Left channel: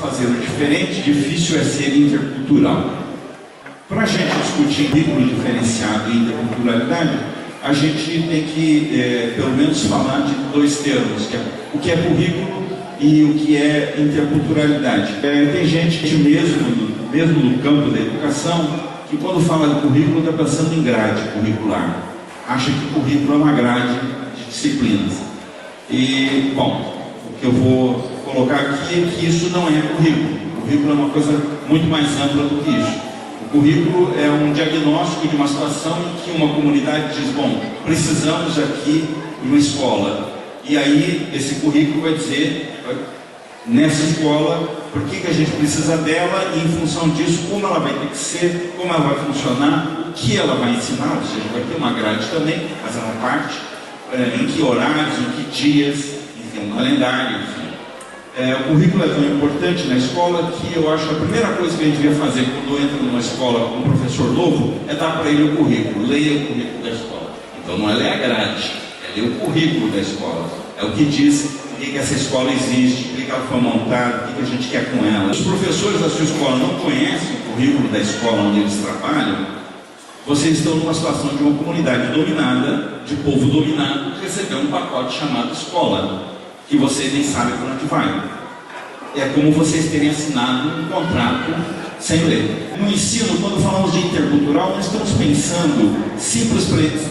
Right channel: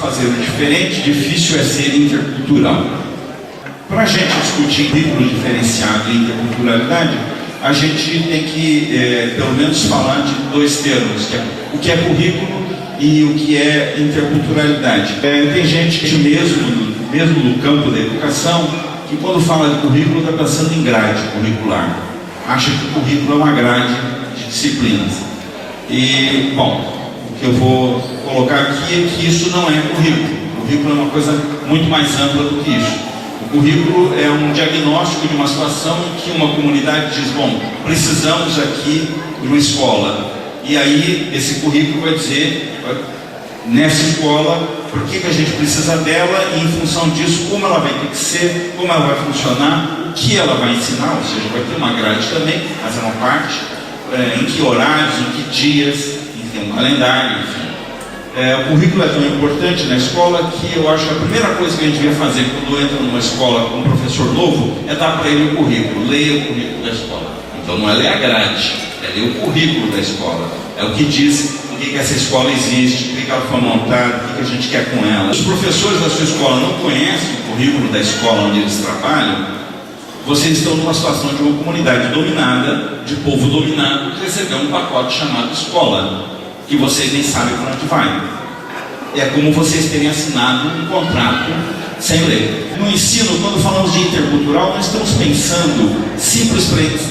fazê-lo diferente, difícil é ser intercultural. Para a gente discutir currículo diferenciado e interculturalidade, a gente tem que, pelo menos, falar de dois termos, que é o que é currículo e o que é interculturalidade. Tem gente mesmo no campo da educação, que quando fala de currículo está pensando em grade curricular. Acha que o currículo é uma grade de disciplinas. E, bom, o que eu vou colocar aqui é que isso não é currículo. O currículo é uma coisa muito mais ampla do que isso. O currículo é um diagnóstico de uma situação em que uma comunidade diz, bom, precisamos aqui de uma escola. E aí esse currículo vai dizer, nessa escola, por que a gente precisa dela e, em função disso, como ela vai ter que ser, como ela vai funcionar, o que ela vai ensinar, ou seja, vai ter uma grade também, mas é uma parte, em que horários, em que dias, em um calendário, enfim. O currículo é tão importante na escola que eu acho que a primeira coisa que a gente devia fazer quando entra numa escola com um professor novo é dar para ele o currículo, leia o currículo da escola. Então não é ler a grade, é ler o currículo da escola. É o que diz por que essa escola existe, por que ela foi montada, o que a gente quer com ela. Os professores da sua escola não conhecem o currículo da escola onde eles trabalham, vocês estão numa situação de uma comunidade dominada, de povo dominado, que recebeu um pacote chamado escola, que vocês nem sabem para onde vai. É como vocês terem assinado um contrato sem ler. No ensino, quando falamos de intercultural, nós estamos pensando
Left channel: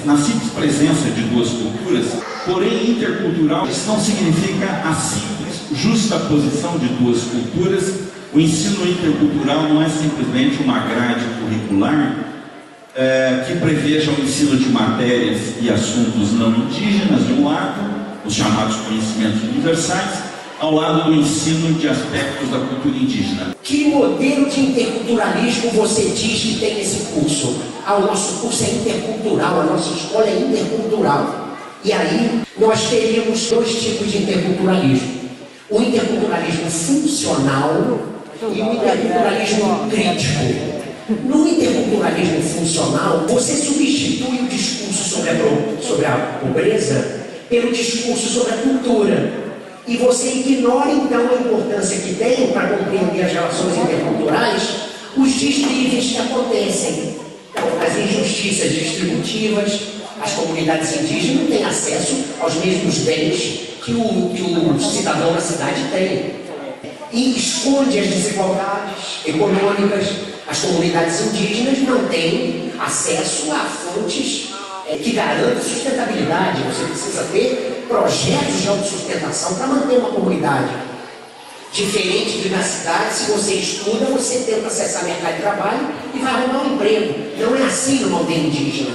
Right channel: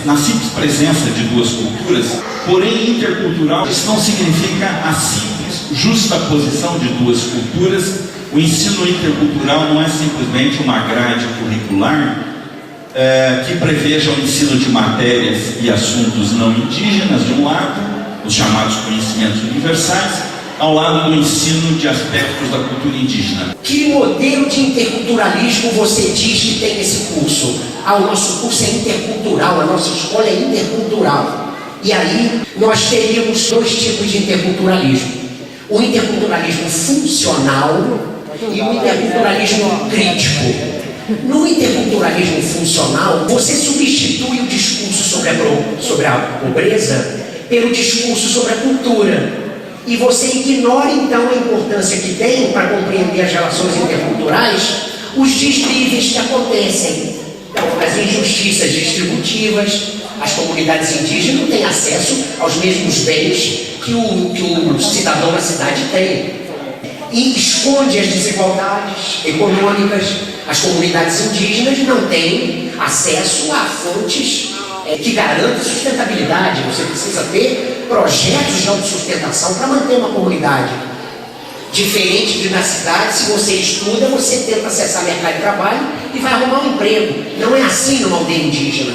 na simples presença de duas culturas, porém intercultural, isso não significa a simples justaposição de duas culturas. O ensino intercultural não é simplesmente uma grade curricular que preveja o ensino de matérias e assuntos não indígenas, de um lado, os chamados conhecimentos universais, ao lado do ensino de aspectos da cultura indígena. Que modelo de interculturalismo você diz que tem nesse curso? O nosso curso é intercultural, a nossa escola é intercultural. E aí nós teríamos dois tipos de interculturalismo. O interculturalismo funcional e o interculturalismo crítico. No interculturalismo funcional, você substitui o discurso sobre a pobreza pelo discurso sobre a cultura. E você ignora então a importância que tem para compreender as relações interculturais, os desníveis que acontecem. Então, as injustiças distributivas, as comunidades indígenas não têm acesso aos mesmos bens que o cidadão da cidade tem. E esconde as desigualdades econômicas. As comunidades indígenas não têm acesso a fontes que garantam sustentabilidade. Você precisa ter projetos de autossustentação para manter uma comunidade. Diferente de na cidade, se você estuda, você tenta acessar mercado de trabalho e vai arrumar um emprego. Não é assim numa aldeia indígena.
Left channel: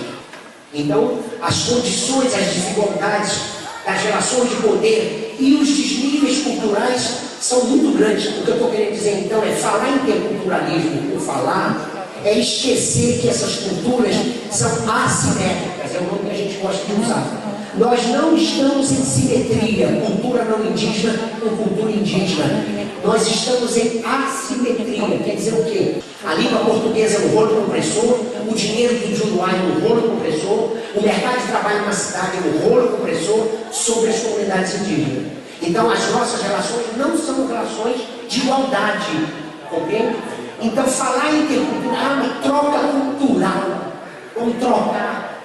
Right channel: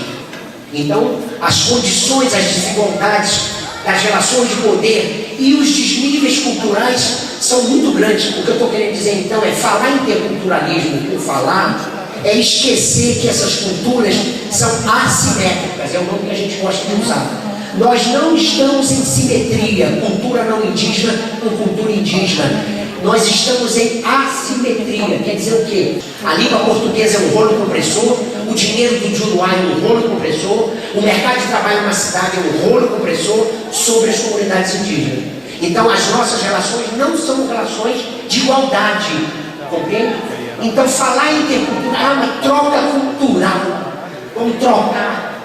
Então, as condições, as desigualdades das relações de poder e os desníveis culturais são muito grandes. O que eu estou querendo dizer então é falar em interculturalismo por falar é esquecer que essas culturas são assimétricas, é o nome que a gente gosta de usar. Nós não estamos em simetria, cultura não indígena com cultura indígena. Nós estamos em assimetria. Quer dizer o quê? A língua portuguesa é um rolo compressor, o dinheiro do Juruá é um rolo compressor, o mercado de trabalho na cidade é um rolo compressor sobre as comunidades indígenas. Então as nossas relações não são relações de igualdade, compreende? Então falar em intercultural é uma troca cultural. Vamos trocar.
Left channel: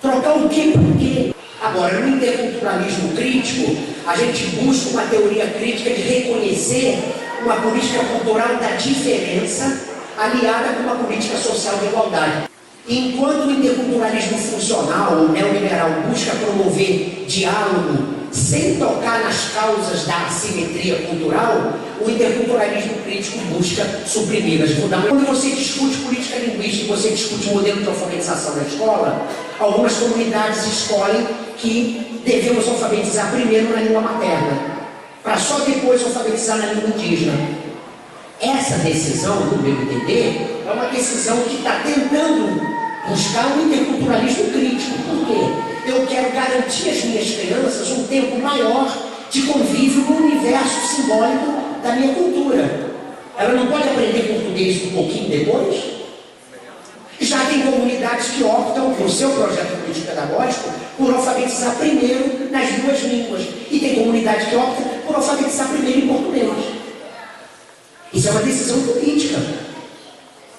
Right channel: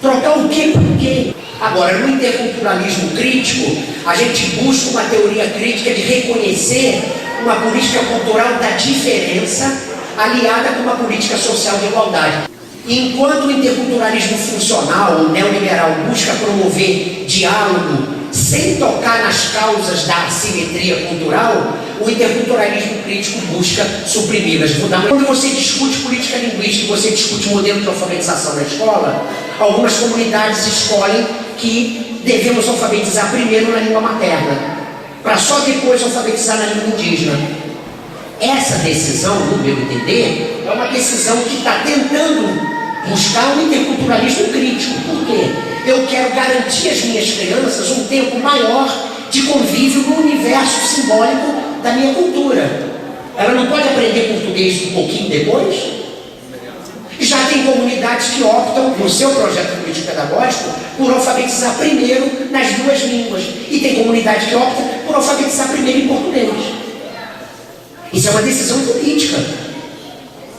Trocar o quê por quê? Agora, no interculturalismo crítico, a gente busca uma teoria crítica de reconhecer uma política cultural da diferença aliada com uma política social de igualdade. Enquanto o interculturalismo funcional, o neoliberal, busca promover diálogo sem tocar nas causas da assimetria cultural, o interculturalismo crítico busca suprimi-las. Quando você discute política linguística e você discute modelo de alfabetização na escola, algumas comunidades escolhem que devemos alfabetizar primeiro na língua materna, para só depois alfabetizar na língua indígena. Essa decisão, no meu entender, é uma decisão que está tentando buscar um interculturalismo crítico. Por quê? Eu quero garantir às minhas crianças um tempo maior de convívio no universo simbólico da minha cultura. Ela não pode aprender português um pouquinho depois? Já tem comunidades que optam, no seu projeto político-pedagógico, por alfabetizar primeiro nas duas línguas. E tem comunidade que opta por alfabetizar primeiro em português. Isso é uma decisão política.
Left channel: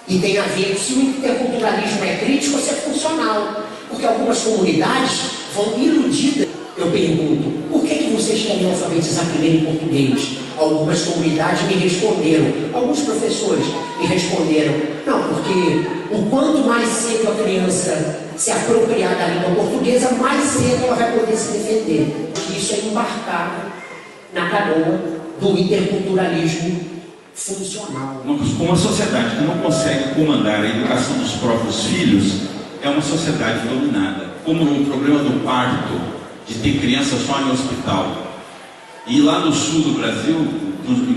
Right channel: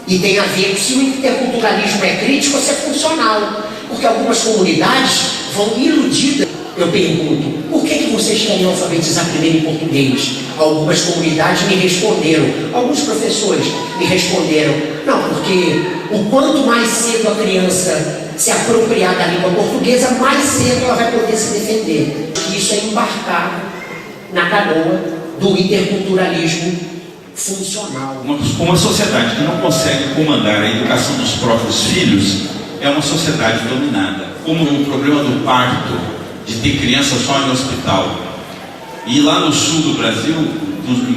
E tem a ver com se o interculturalismo é crítico ou se é funcional. Porque algumas comunidades vão iludidas. Eu pergunto, por que vocês querem alfabetizar primeiro em português? Algumas comunidades me responderam, alguns professores me responderam, não, porque o quanto mais cedo a criança se apropriar da língua portuguesa, mais cedo ela vai poder se defender. E isso é embarcado na canoa do interculturalismo funcional. Uma sociedade que não consegue comandar a educação dos próprios filhos é uma sociedade dominada. Como o problema do parto, de ter criança só em hospital. E lá no sul do Brasil,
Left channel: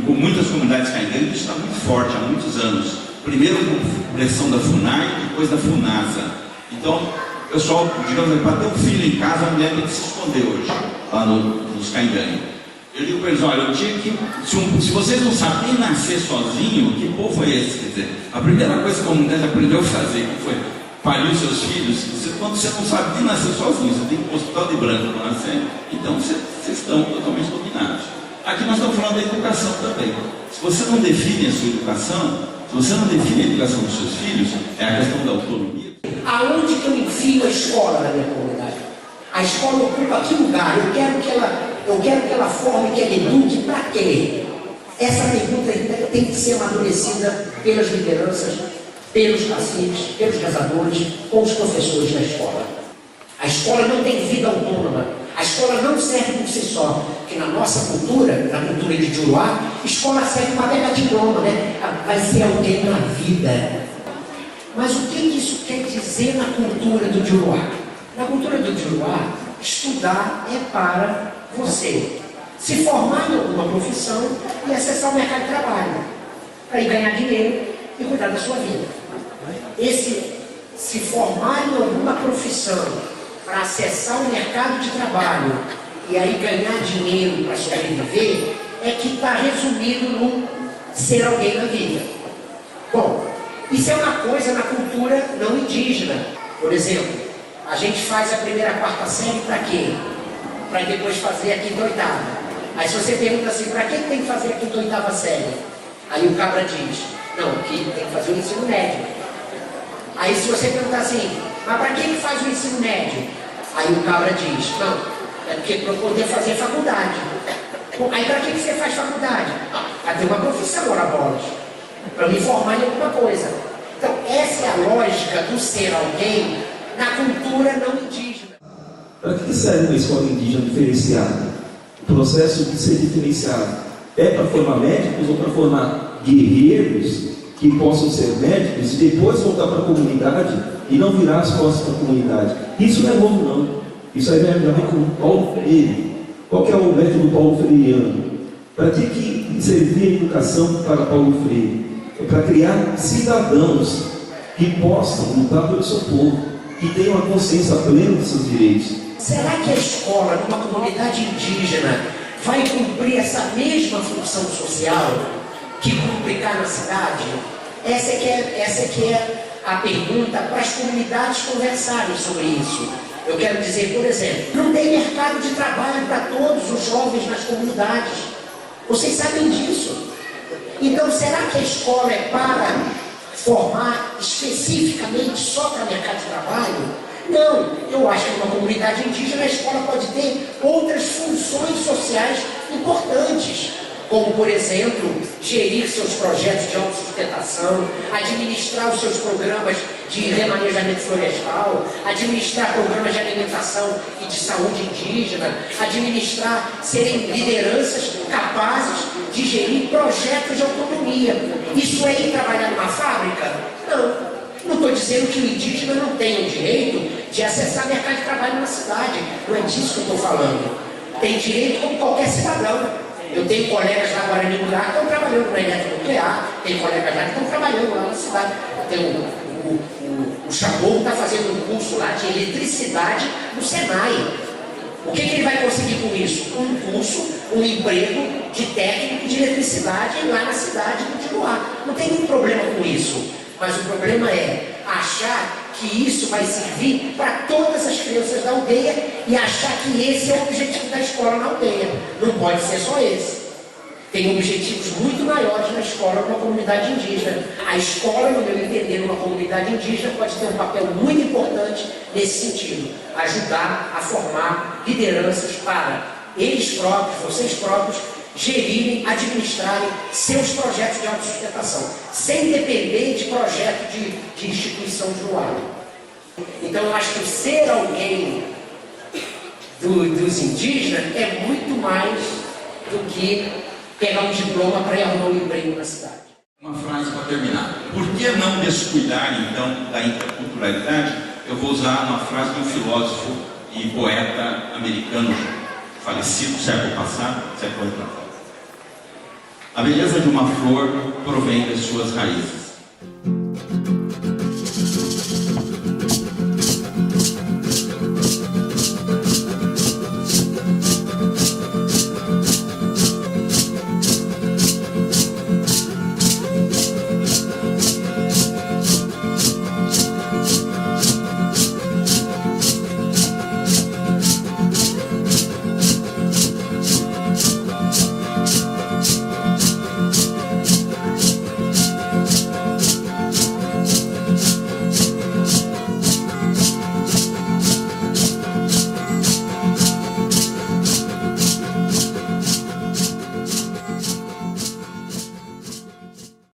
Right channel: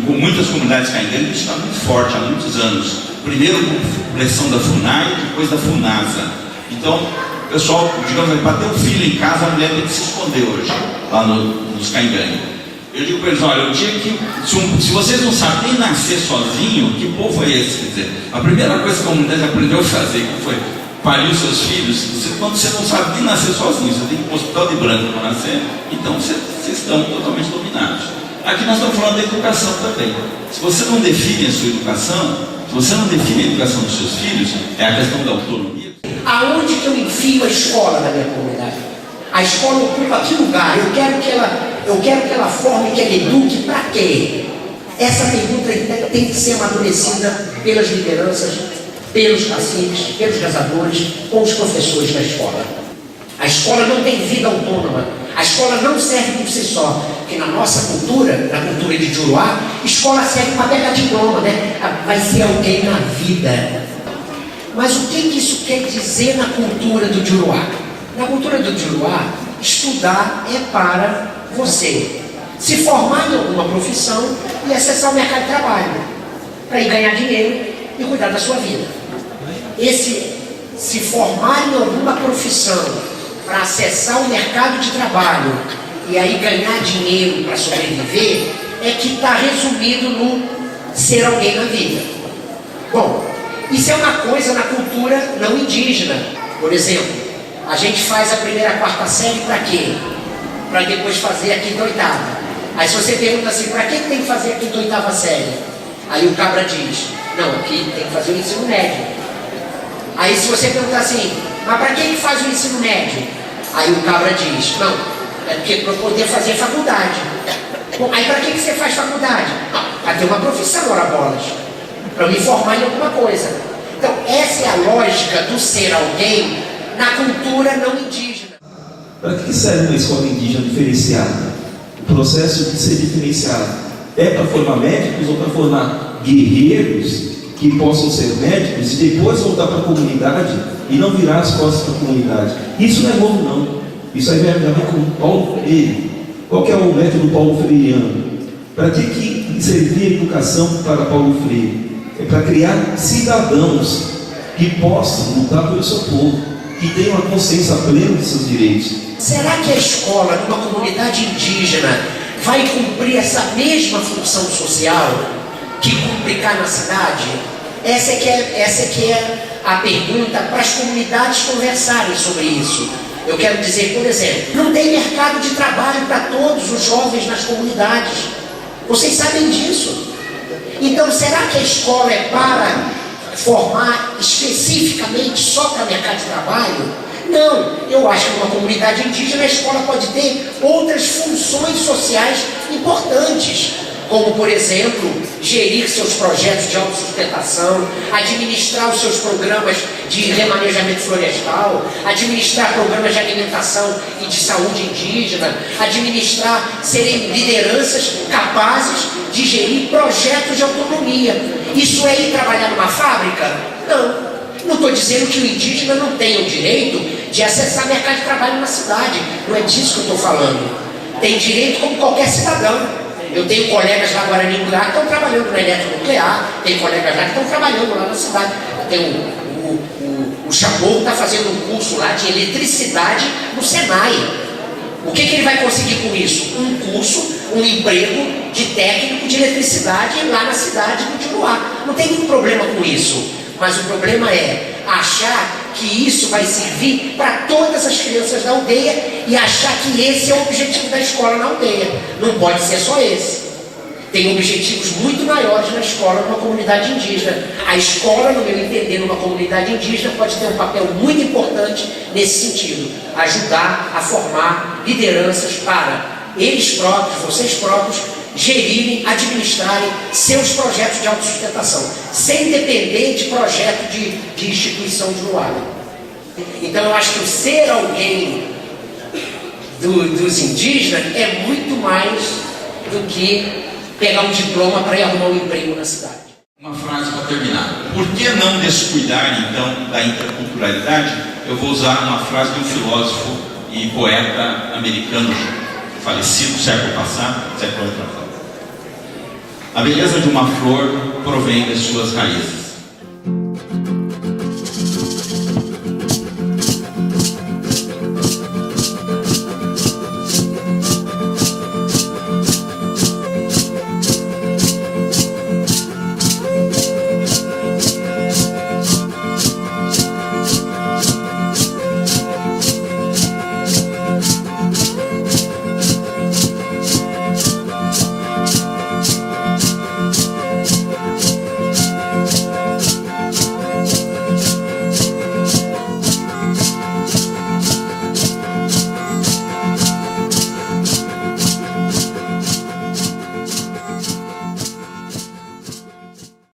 com muitas comunidades caindo, isso está muito forte há muitos anos. Primeiro com pressão da FUNAI, depois da FUNASA. Então, o pessoal, digamos, para ter um filho em casa, a mulher tem que se esconder hoje, lá nos Caingangue. Eu digo para eles, olha, o dia que, se vocês não sabem nem nascer sozinho, que povo é esse? Quer dizer, a primeira coisa que a comunidade aprendeu a fazer, que foi parir seus filhos, quando você não sabe nem nascer sozinho, você tem que ir para o hospital de branco para nascer, então vocês estão totalmente dominados. Aqui nós estamos falando da educação também. Se você não define a sua educação, se você não define a educação dos seus filhos, é a questão da autonomia. Aonde que eu enfio a escola na minha comunidade? A escola ocupa que lugar? Eu quero que ela forme, que ela eduque para quê? Essa pergunta tem que ser amadurecida pelas lideranças, pelos caciques, pelos rezadores, com os professores da escola. A escola não tem vida autônoma. A escola não serve por si só. Porque na nossa cultura, na cultura de Juruá, escola serve para pegar diploma, né? Vai ser alguém na vida. Mas o que isso quer dizer na cultura do Juruá? Na cultura do Juruá, estudar é para você se formar em alguma profissão e acessar o mercado de trabalho, para ir ganhar dinheiro e cuidar da sua vida. Esse se formar em alguma profissão para acessar o mercado de trabalho e aí ganhar dinheiro para sobreviver é que está resumido no ser alguém na vida. Bom, isso é uma coisa na cultura não indígena. Por exemplo, a gente faz a primeira a quarta série para quê? Para depois fazer a quinta e oitava. Aí se você pergunta assim, para que tem que fazer a quinta e oitava série? Aí o cabra diz, não, aqui tem que fazer o ensino médio. Aí se você perguntar assim, mas para que faz o ensino médio? Aí o cabra diz, não, é porque para poder fazer faculdade. Bom, aí para que você faz faculdade? Para ter uma profissão, ora bolas. Para me formar em alguma coisa. Então essa é a lógica do ser alguém na cultura não indígena. Para que serve uma escola indígena diferenciada? O processo de ser diferenciado é para formar médicos ou para formar guerreiros que possam ser médicos e depois voltar para a comunidade e não virar as costas para a comunidade? Isso não é novo, não. Isso aí vem a ver com Paulo Freire. Qual que é o método Paulo Freireano? Para que servir a educação para Paulo Freire? É para criar cidadãos que possam lutar pelo seu povo, que tenham a consciência plena de seus direitos. Será que a escola, numa comunidade indígena, vai cumprir essa mesma função social que cumpre cá na cidade? Essa é que é a pergunta para as comunidades conversarem sobre isso. Eu quero dizer, por exemplo, não tem mercado de trabalho para todos os jovens nas comunidades. Vocês sabem disso. Então, será que a escola é para formar especificamente só para mercado de trabalho? Não, eu acho que numa comunidade indígena a escola pode ter outras funções sociais importantes, como, por exemplo, gerir seus projetos de autossustentação, administrar os seus programas de remanejamento florestal, administrar programas de alimentação e de saúde indígena, administrar, serem lideranças capazes de gerir projetos de autonomia. Isso é ir trabalhar numa fábrica? Não. Não estou dizendo que o indígena não tem o direito de acessar mercado de trabalho na cidade. Não é disso que eu estou falando. Tem direito como qualquer cidadão. Eu tenho colegas lá Guarani que estão trabalhando na eletronuclear, tem colegas lá que estão trabalhando lá na cidade. Tem o Chamorro está fazendo um curso lá de eletricidade no Senai. O que ele vai conseguir com isso? Um curso, um emprego de técnico de eletricidade lá na cidade do Juruá. Não tem nenhum problema com isso. Mas o problema é achar que isso vai servir para todas as crianças da aldeia e achar que esse é o objetivo da escola na aldeia. Não pode ser só esse. tem objetivos muito maiores na escola numa comunidade indígena. A escola, no meu entender, numa comunidade indígena, pode ter um papel muito importante nesse sentido. Ajudar a formar lideranças para eles próprios, vocês próprios, gerirem, administrarem seus projetos de autossustentação, sem depender de projeto de instituição de um lado. Então eu acho que o ser alguém dos indígenas é muito mais do que pegar um diploma para ir arrumar um emprego na cidade. Uma frase para terminar. Por que não descuidar, então, da interculturalidade? Eu vou usar uma frase de um filósofo e poeta americano falecido século passado, século retrasado. A beleza de uma flor provém das suas raízes.